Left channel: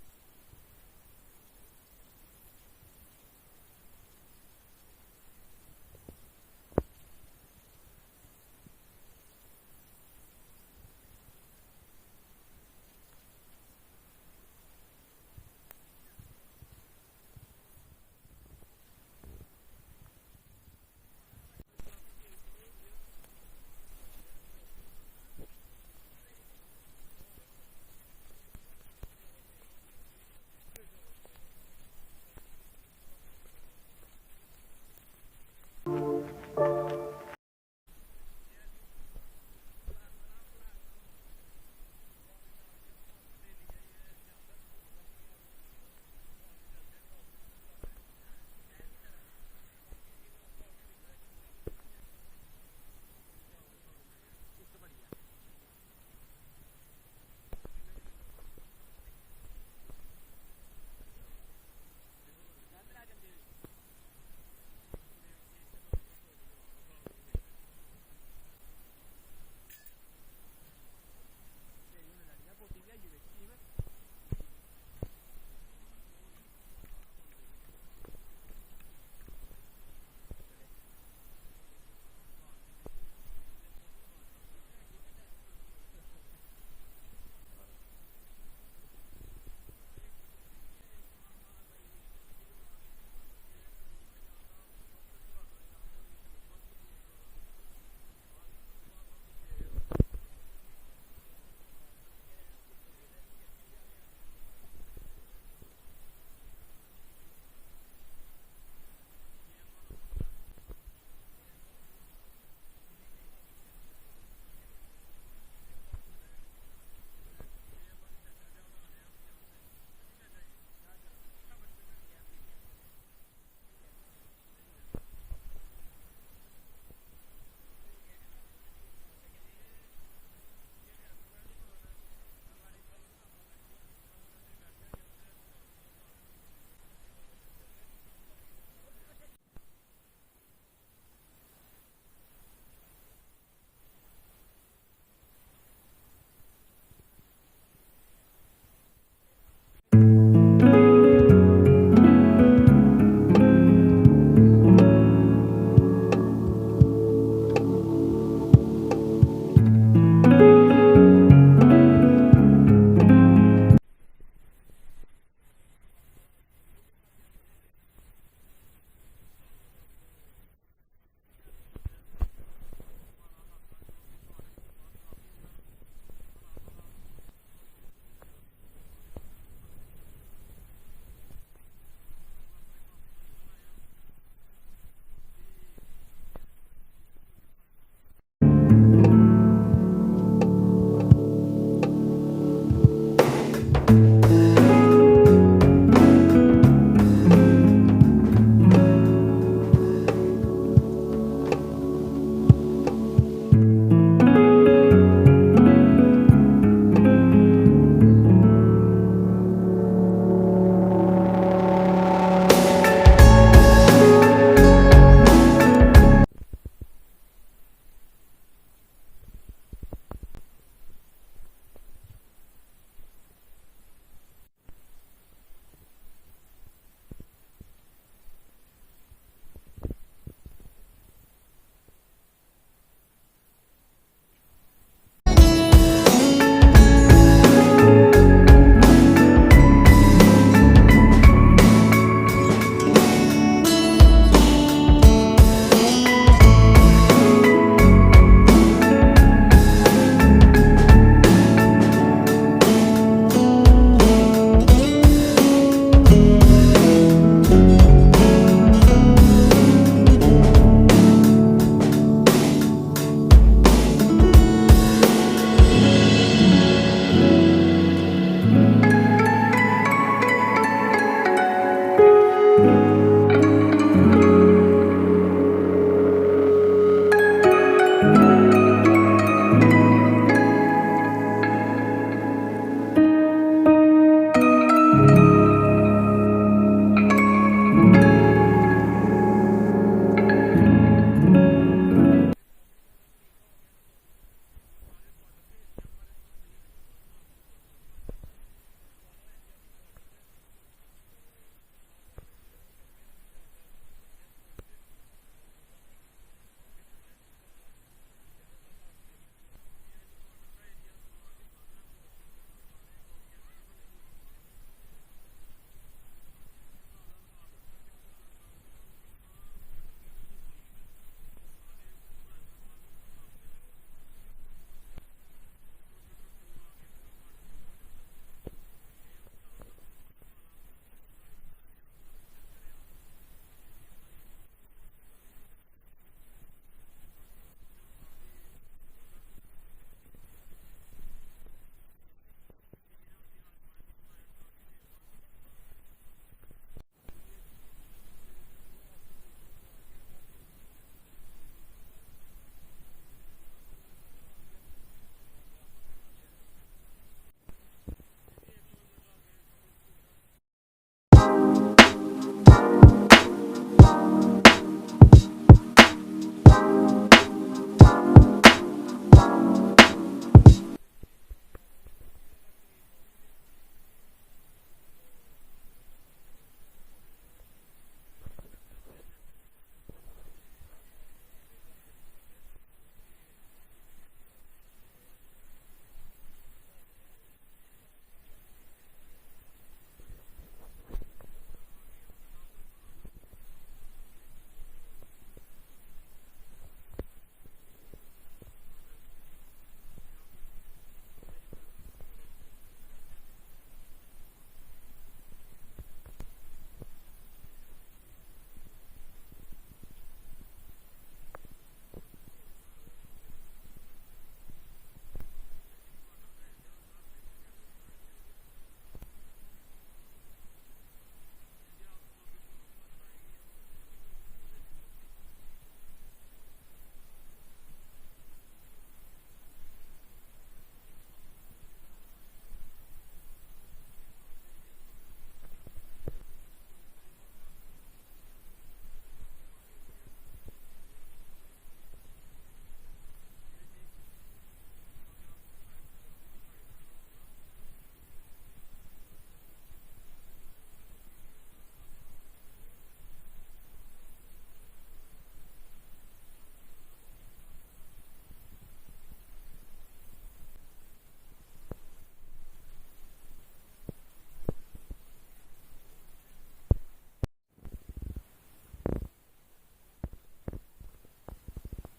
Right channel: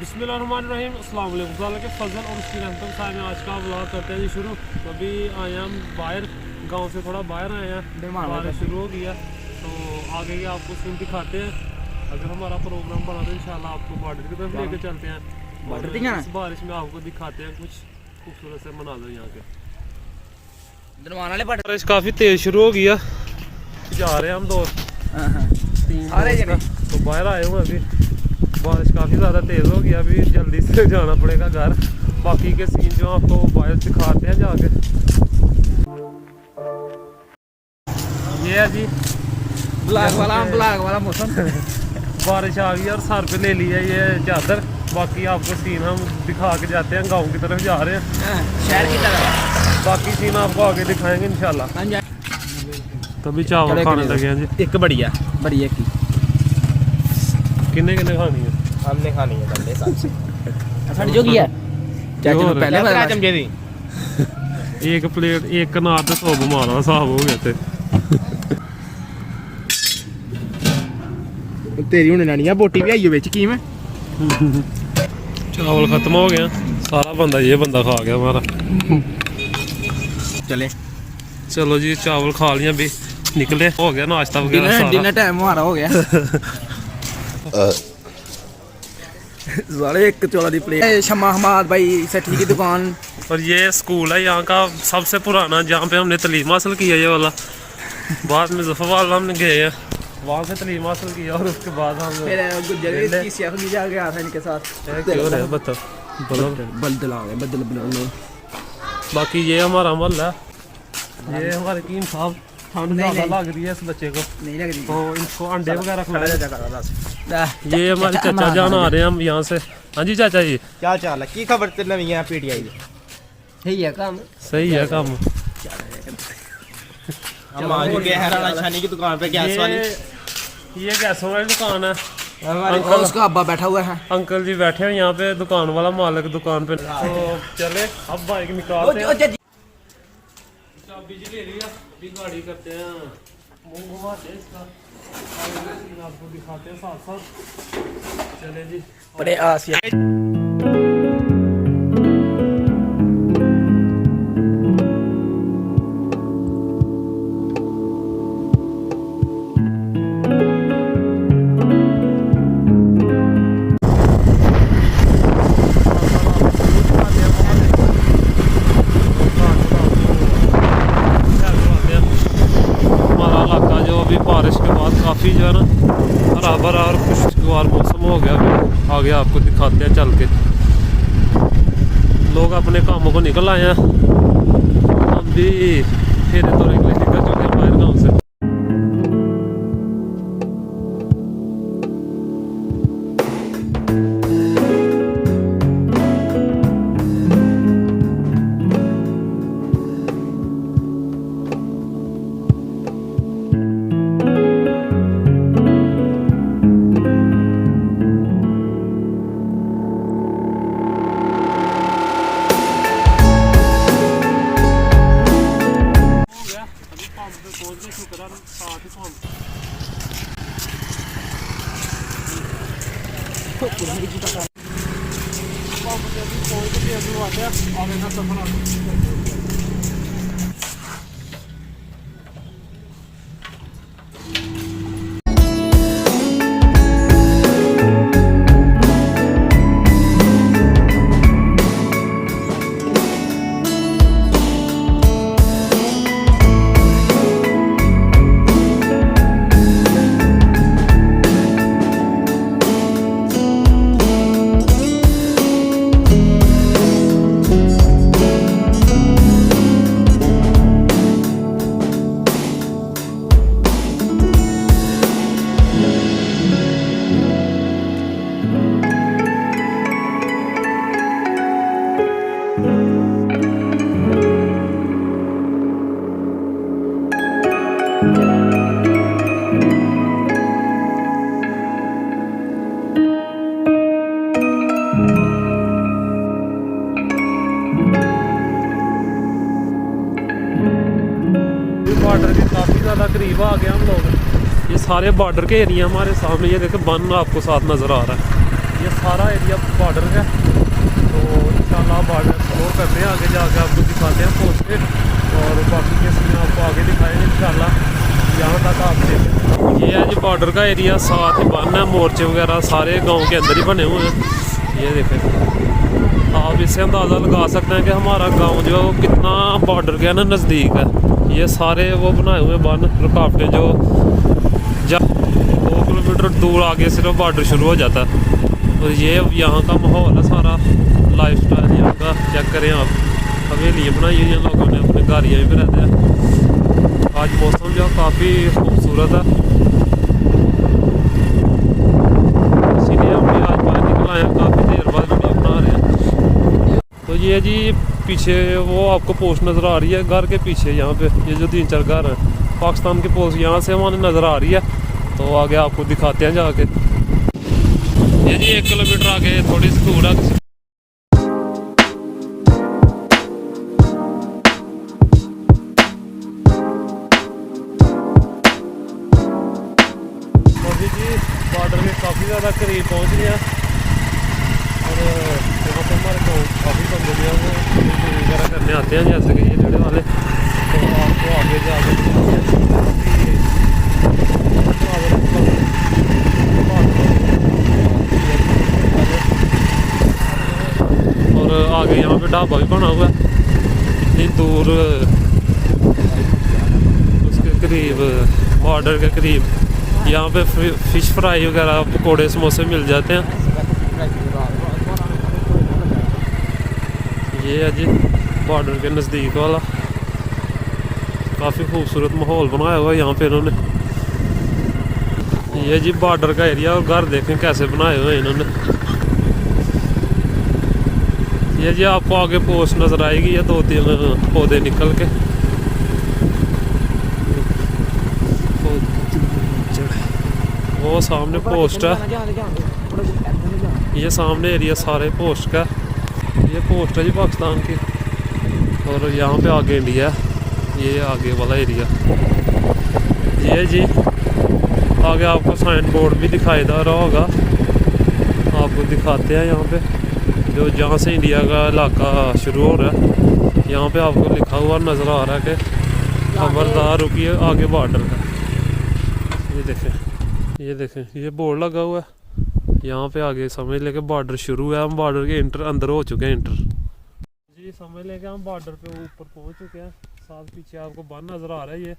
बिस्मिल्लाहिर्रहमानिर्रहीम अस्सलाम वालेकुम के फजल और उसकी रहमत साहब में आज का व्लॉग करते हैं जी शुरू। तो अभी आए हम बाहर, गांव से थोड़ा बाहर आए हैं, बारिश शुरू हो गया तो आगे ये आपको सीन दिखाते हैं। अगर हमारा प्रोग्राम बना तो इंशाल्लाह आपको बॉर्डर की तरफ लेके चलते हैं। बॉर्डर इस बारिश में आपको दिखाते हैं कुछ खूबसूरत से मनाज़र यहाँ के। बारिश काफ़ी तेज़ शुरू हो गया, जा रहे हैं हम दोस्त तीन तो बाहर आए हुए अभी। बारिश काफ़ी ज़्यादा तेज़ हो गया, अभी जल्दी से जाना पड़ेगा घर। बाकी के सीन जो आपको बाहर दिखाते हैं जाके। ये है जी ब्लैक वाला मौसम बारिश आ गई और सर पे ले लिया ये चादर। बाकी आपको सीन हम दिखा के जाते हैं, गांव की तरफ जा रहे हैं शहर की तरफ। बाकी सीन आपको आगे दिखाएंगे इंशाल्लाह। तभी चावल खाने लगे हैं जी। एक बढ़िया की किन्ने खानी है? हमने खानी है बंदे साथ साड़ी जो किया चाचा ने पहले बता चमचे दी एक प्लेट एक कनार ते 100 मारा हिसाब हो गया थे। तेरी हुन नानिया बोटी भी आई है विच की में चावल खत्म हो गया सारा, ये बंदा खा गया हमारा। चलो जी चावल खा लिया भी, निकले हो गया नाश्ता वगैरह सारा। डिनर टाइम हमारा हो गया। सारे एक चोला दी प्लेट। शम्मा हमाद भाई सेठी की दुकान। और ये स्कूल है यहाँ का सबसे पुराना, जहाँ पे हमने तलीम हासिल किया ये वाला। बाद में जफरवाल हमने गए हैं, वहाँ से तलीम हासिल किया और उसके बाद हम गया था इनके साथ। बाकी ये हमारा महल है, ये हमारे कीम साहब। ठंड ज़्यादा लग रही है इस बच्चे को, नहीं लग रही तो इनको अंडे वगैरह खिलाए। ये हमारे चाचा जान आ रहे हैं हम यहाँ से। हाँ जी चाचा जी क्या चाल है? की खबर ते नवी है पीटीआई दी? सही है काम, सही है काम। हम आज गए हैं राणा छानी की दुकान पे, गैस वाली। ये गैसों वाली दुकान है। अंकल उसका अब्बा बैठा हुआ है। अंकल जी बैठे हैं यहाँ पे, दुकान वाला मालिक दुकान पे। तो चले अब बाइक निकालते हैं। चाबी जी ले लिया, अभी गाड़ी करते हैं, मुंह घुमाते हैं इसका, आपको दिखाते हैं साथ साथ। चले जी बड़े आसिया बारिश के बाद काफ़ी जो है ना हरा भरा और खुशगवार मौसम हो गया। अभी आगे आपको दिखाते हैं चल के। लोग अपने कामों को निकल आए हैं, हम भी फेरे तौर के लिए निकल चुके हैं बाहर गाँव से। करीब आ गए हम लोग। ये सारे बॉर्डर के एरिया हमारे सामने, ये देखे बन आपको साथ नज़र आ रहा है। ये सारा एरिया बॉर्डर है। तो इंशाल्लाह बॉर्डर एक्सप्लोर करते हैं, आगे जाके आपको दिखाते हैं पहुँच के, और बाकी के सीन आपको आगे दिखाएंगे इंशाल्लाह। यहाँ तक आप देखें, ये है जी बॉर्डर का एरिया, साथ ही बन है, मोर्चे वगैरह सारे गांव के अंदर ही बने हुए हैं। ये देखें, आप इससे अंदाज़ा लगा सकते हैं कि हमारा गांव जो कितना बॉर्डर के ना नज़दीक है। ये सारे वो बनाए हुए बन रुकावटें जो 2 किलोमीटर दूर आगे सिर्फ बॉर्डर शुरू हो जाता है। और ये यहाँ का माहौल है सारा, लाइफ स्टाइल यहाँ का चेक करें आप। हवेलियाँ बनाई हुई हैं लोगों ने, अपने गाड़ियाँ में रहते हैं। आज मौसम जो काफ़ी खूबसूरत है, इसीलिए हम भी आज बाहर निकल आए हैं, काफ़ी देर बाद वीडियो बना रहे हैं। तो ये जी पीछे वो आपको पोस्ट नज़र आ रही है, घर के पीछे यहाँ पे ये जो 3-4 घर हैं पाकिस्तान की पोस्ट यहाँ से हमारे नज़र आ रही है। तो आगे आपको दिखाते हैं जाके। ये जी 1 किलोमीटर आगे थोड़ी सी दूर है। बॉर्डर के काफ़ी ज़्यादा करीब पहुँच गया, और यहाँ पर हमारे को काफ़ी बंदे जो है वो वगैरह करने आते हैं, जैसे कि ये रेड़े वाले। तो आपको आगे जाके और आगे यहाँ पे ढाबा भी बना हुआ है, इतनी दूर उसके करीब, बॉर्डर के करीब। यहाँ पे फ़िश फ्राई वगैरह, पकोड़े समोसे मिल जाते हैं। ये है जी बॉर्डर के नज़दीक वाला, काफ़ी खूबसूरत माहौल बनाया हुआ है यहाँ पे इन्होंने। ये जी बॉर्डर का एरिया, और घर देखें कैसे बनाए हुए हैं इन्होंने। ये जी आपको आगे पोस्ट नज़र आएगी, ये 2-3 पौधे निकल के। वो सामने पोस्ट है, ये सामने एरिया सारे पोस्ट का, ये पोस्ट है जी पाकिस्तान की। और यहाँ पे आगे इंडिया, ये आगे वाला एरिया। ये जी आगे आपको साइन बोर्ड भी दिखाई दे रहा होगा, आपको दिखाते हैं यहाँ पे, जो जहाँ से इंडिया का इलाका शुरू हो रहा है। यहाँ पे आपको लिखा हुआ नज़र आ रहा है कि खबरदार रुकिए, आगे बॉर्डर है। ये देखें ये बोर्ड लगा हुआ है, यहाँ पे आगे समझ लेके बॉर्डर शुरू है। हम बॉर्डर के अंदर हो चुके हैं जी, समझ लेके हम बॉर्डर पे ऊपर पहुँच चुके हैं। साथ पीछे आपको बन नज़र आ रहा है ये,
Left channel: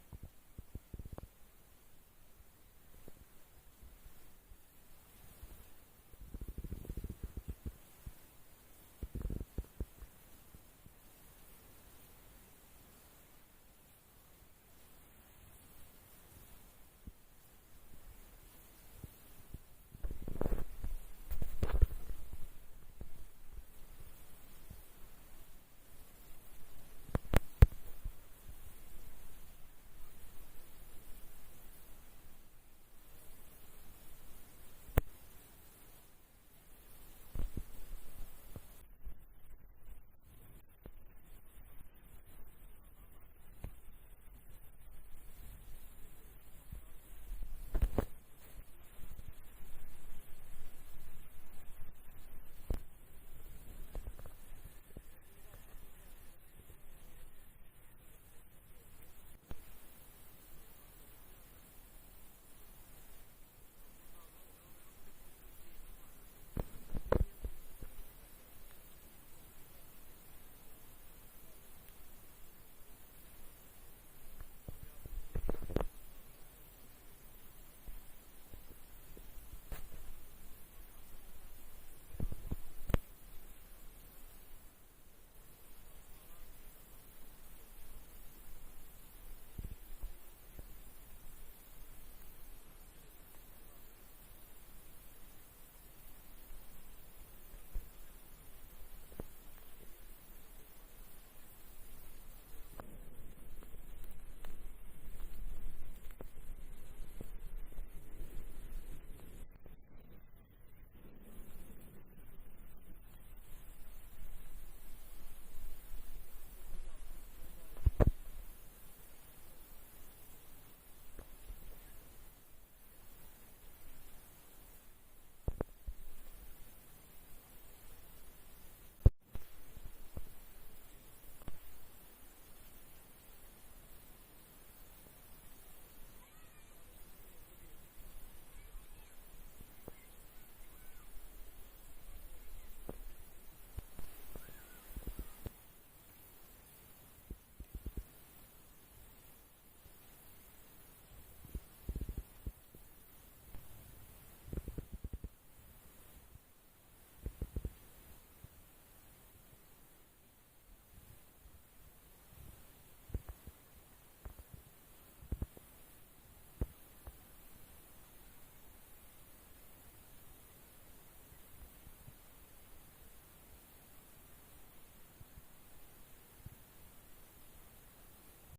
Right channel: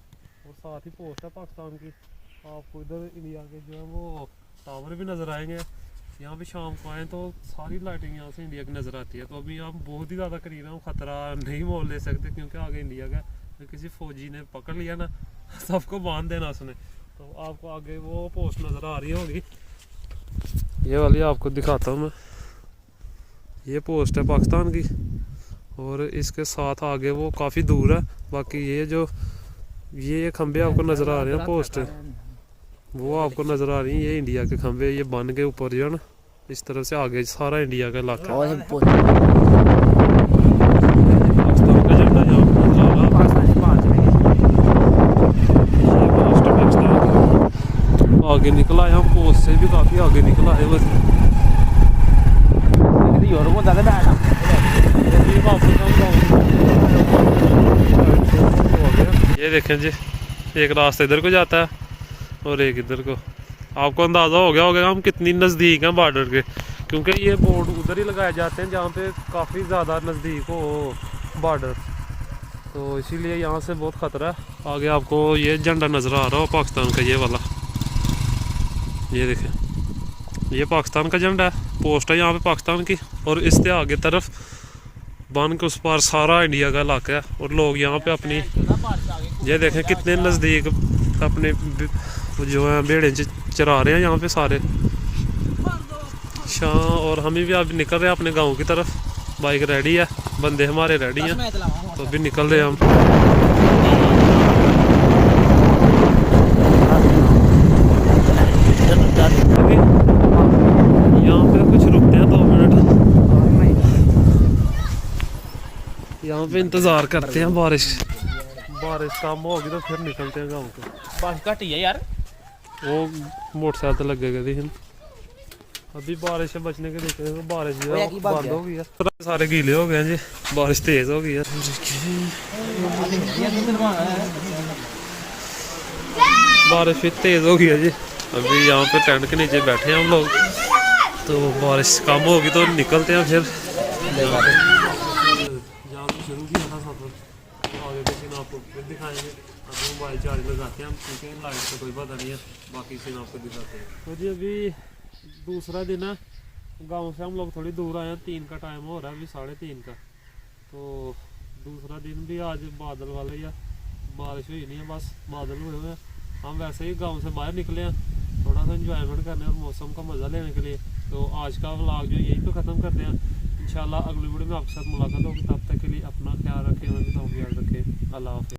और साथ ही पोस्ट है पाकिस्तान की। आपको इधर इंडिया के जो है वो टावर भी नज़र आएंगे। यहाँ पे शाम को आएँ तो सारी लाइटिंग यहाँ से इंडिया की नज़र आती है। तो अभी हम बहुत ही ज़्यादा करीब हैं, ख़तरा नहीं मोल ले सकते, क्योंकि आगे इंडिया का किसी फ़ौजी ने पकड़ लिया ना, सबको बांध देना उसने। तो आपको आगे वो पोस्ट नज़र आ रही होगी, ये वाली आपको दिखाता हूँ मैं। ये पोस्ट है पाकिस्तान की, और इसके साथ आगे वो काफ़ी दूर है। बाकी ये खंबे आपको नज़र आ रहे हैं, पोस्ट वो आपको नज़र आ रही है, ये इंडिया के खंबे। ये बन के ऊपर जो है ना, इस तरफ से आगे सारा इंडिया का इलाका। पाकिस्तान का झंडा यहाँ पर नज़र आ रहा है, आगे निकला है। हम पोस्ट से भी काफ़ी आगे निकला है बस। ये देखें जी, एक रास्ता इधर को जाता है और एक इधर को। आपको अंदाज़ा हो गया होगा हम कितनी नज़दीक हैं बॉर्डर के, क्योंकि ये बोर्ड उधर ही लगाए जाते हैं जहाँ पे काफ़ी ज़्यादा नज़दीक हो बॉर्डर। तो इसीलिए यहाँ से बहुत ख़तरा है। आगे आपको ये झंडा नज़र आ रहा हो पाकिस्तान का, ये वाला, ये देखें, ये पाकिस्तान का झंडा है, पोस्ट है यहाँ पे पाकिस्तान की। और इससे आगे तरफ बन के उस पार सारा इंडिया का इलाका है, और लोग यहाँ पे अपनी, ये देखें कितने नज़दीक अपने जो है भेड़ें चरा रहे हैं यहाँ पे सारे शाम। और हमें भी अभी निकल रहे हैं अपने गाँव की तरफ, बाइक रेडी है, बंदे हमारे रेडी हैं, तो अभी निकल रहे हैं हम। यहाँ पे कुछ रुकते हैं 2 मिनट, यहाँ पे इंतज़ार करते हैं बारिश कम होगी तो फिर निकलते हैं गाँव को। बस घट ही है यार, वो मोटरसाइकिल लगेगा दी अभी बारिश से बचने के देखते हैं, बारिश जो ओए, है की वो बात बंद है। हो गई है, सारे गीले हो गए हैं जी, बारिश तेज हो गई है। बारिश भी तेज हो गई है जी। अभी यहाँ पे टेंट के नीचे बैठे हैं हम लोग, तो बारिश कम होगी तो निकलते हैं फिर। जहाँ से शुरू किया था सफर, तो आगे के सीन आपको फिर दिखाएंगे। अभी मोबाइल चार्ज लगाते हैं हम, क्योंकि लाइट का कोई पता नहीं है, बाकी सीन आपको दिखाते हैं। तो जी अभी दूसरा दिन है, गांव से हम लोग थोड़ी दूर आए हैं, 3 का टाइम हो रहा है, अभी 3:30 का। तो दूसरा दिन भी आज बादल वाले या बारिश हुई नहीं है, बस बादल हुए हुए हैं। हम वैसे ही गांव से बाहर निकले हैं थोड़ा सा एंजॉयमेंट करने और मौसम का मज़ा लेने के लिए। तो आज का व्लॉग जो यहीं पे ख़त्म करते हैं। इंशाल्लाह अगली वीडियो में आपके साथ मुलाकात होगी, तब तक के लिए अपना ख्याल रखें, हमें भी तो ख्याल रखें। अल्लाह हाफ़िज़।